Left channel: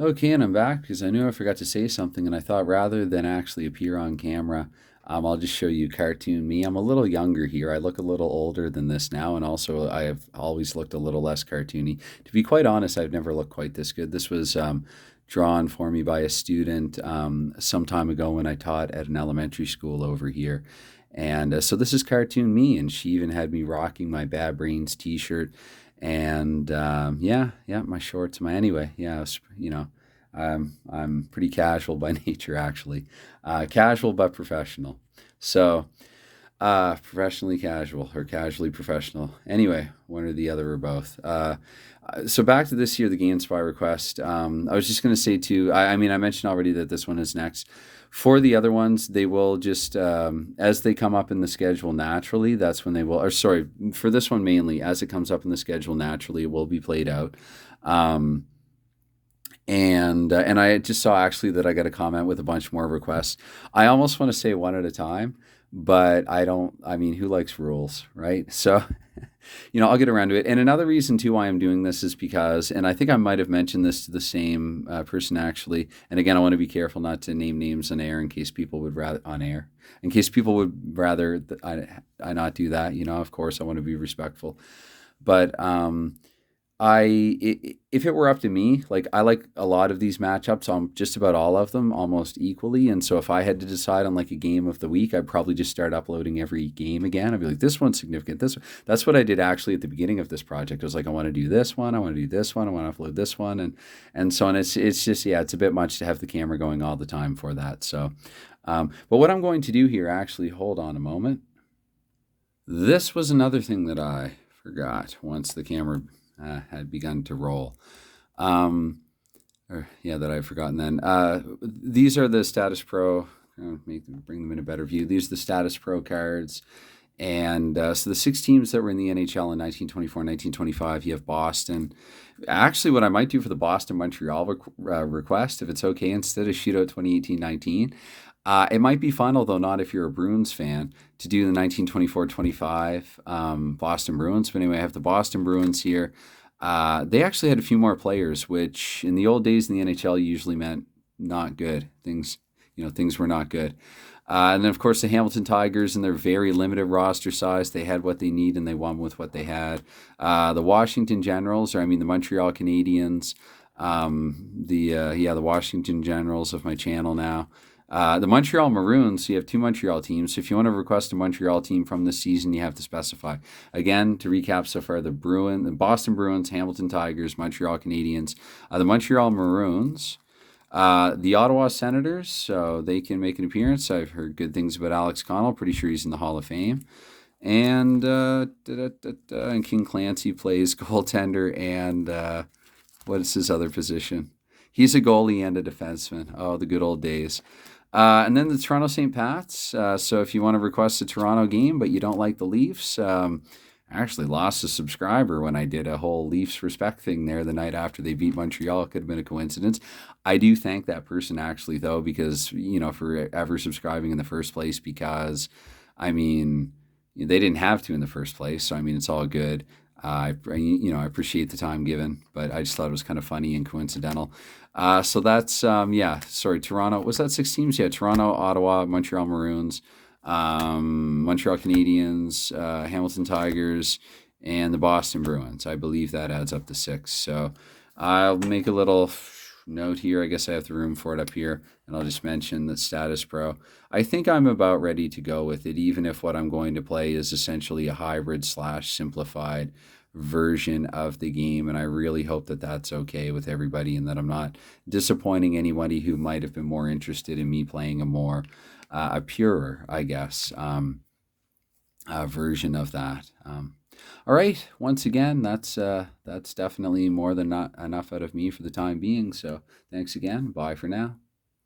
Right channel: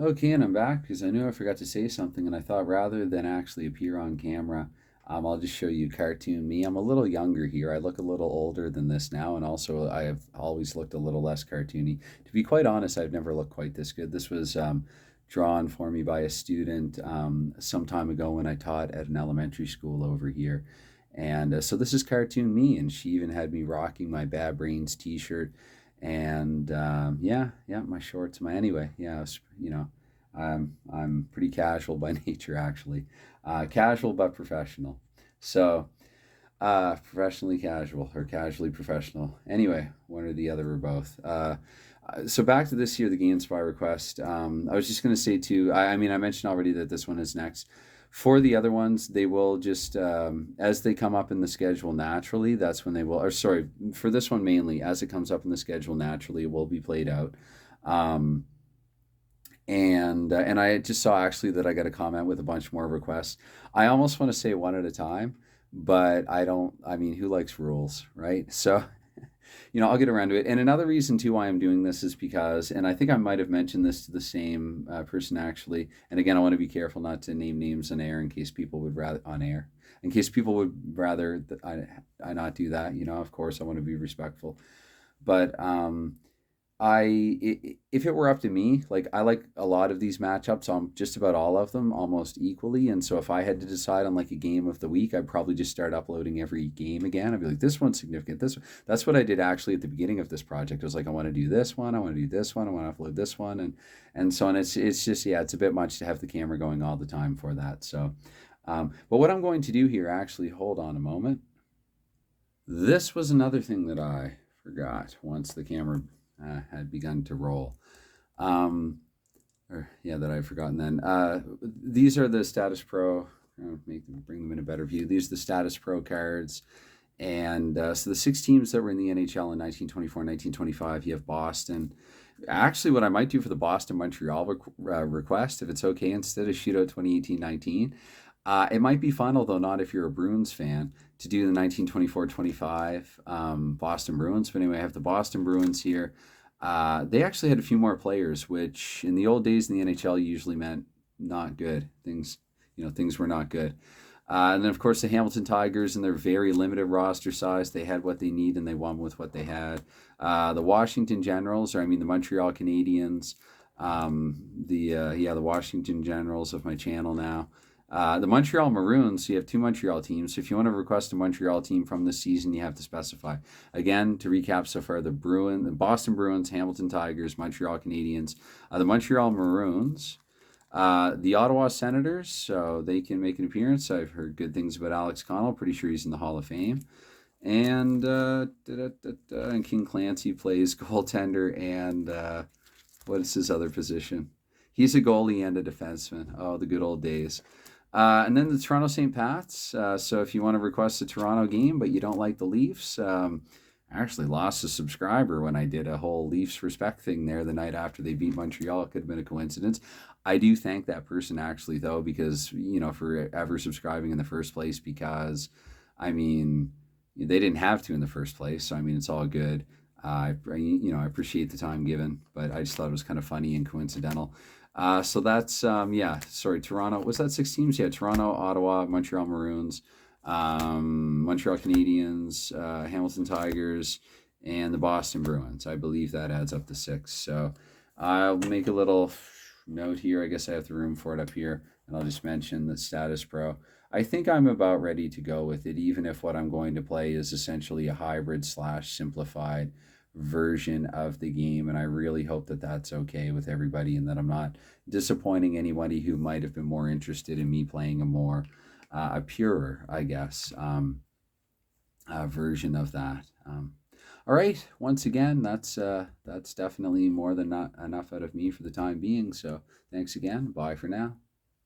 Okay, and I'm back because I knew I forgot to say something, and I thought rather than actually appear on camera, I'll just show you cartoon me. I'm a little younger here. I look a little older than this now, and also I have always looked a little less cartoony. To be quite honest, I've never looked quite this good. This was drawn for me by a student some time ago when I taught at an elementary school over here. And so this is cartoon me, and she even had me rocking my Bad Brains T-shirt, and yeah, my shorts, my anyway, yeah, I'm pretty casual by nature, actually, casual but professional. So professionally casual or casually professional. Anyway, one or the other or both. So back to this year, the GameSpy request. I was just going to say too. I mean, I mentioned already that this one is next. For the other ones, they will just as they come up in the schedule naturally. That's when they will. Or sorry, for this one mainly, as it comes up in the schedule naturally, it will be played out. Um, and I just saw actually that I got a comment with a bunch more requests. I almost want to say one at a time, but I don't. I mean, who likes rules, right? So, I'll get around to it. And another reason too why I'm doing this is because, and I think I might have mentioned this to the same person actually. And again, I want to be careful not to name names on air in case people would rather on air. In case people would rather I not do that, of course I want to be respectful. But if it were up to me, like I like a lot of these matchups on just about all of them almost equally. And so if I had to decide on like a game of the week, I'd probably just start uploading every game again. I'd be like, this one's significant. That's what I did actually at the beginning of this project. I was like, I want to do this one, I want to do this one, I want to upload this one, and so on. It's just yeah, it's a bit much to have the camera going all the time for that. So, but what I'm going to do here, actually, hold on a moment. This was another thing that I forgot once the camera had begun to roll. Um, or yeah, that I've forgotten then. These are the Status Pro. Bring them in a better view. These are the Status Pro cards. And so the six teams that were in the NHL in 1924, 1925, you have Boston. Actually, what I might do for the Boston Montreal request, if it's okay, instead of Shootout 2018-19, it might be fun, although not if you're a Bruins fan, to do the 1924-25 Boston Bruins. But anyway, I have the Boston Bruins here. They actually had a few more players, which in the old days in the NHL usually meant not good. Things were not good. And then, of course, the Hamilton Tigers and their very limited roster size, they had what they need and they won with what they had. The Washington Generals, or I mean the Montreal Canadiens, the Washington Generals of my channel now. The Montreal Maroons, so you have two Montreal teams. So if you want to request a Montreal team from this season, you have to specify. Again, to recap so far, the Boston Bruins, Hamilton Tigers, Montreal Canadiens, the Montreal Maroons, the Ottawa Senators, so they can make an appearance. I've heard good things about Alex Connell. Pretty sure he's in the Hall of Fame. And King Clancy plays goaltender and what is his other position? He's a goalie and a defenseman. Oh, the good old days. And then the Toronto St. Pats. So if you want to request a Toronto game, but you don't like the Leafs, I actually lost a subscriber when I did a whole Leafs respect thing there the night after they beat Montreal. It could have been a coincidence. I do thank that person actually, though, because, for ever subscribing in the first place, because, I mean, they didn't have to in the first place. So, I mean, it's all good. I appreciate the time given, but I just thought it was kind of funny and coincidental. So that's yeah. Sorry, Toronto. Was that six teams? Yeah, Toronto, Ottawa, Montreal Maroons, Montreal Canadiens, Hamilton Tigers, and the Boston Bruins. I believe that adds up to six. So I'll make a little note here. I guess I have the room for it up here, and I'll just mention the Status Pro. I think I'm about ready to go with it, even if what I'm going to play is essentially a hybrid slash simplified version of the game. And I really hope that that's okay with everybody and that I'm not disappointing anybody who might have been more interested in me playing a purer, I guess, version of that. All right. Once again, that's definitely more than not enough out of me for the time being. So thanks again. Bye for now.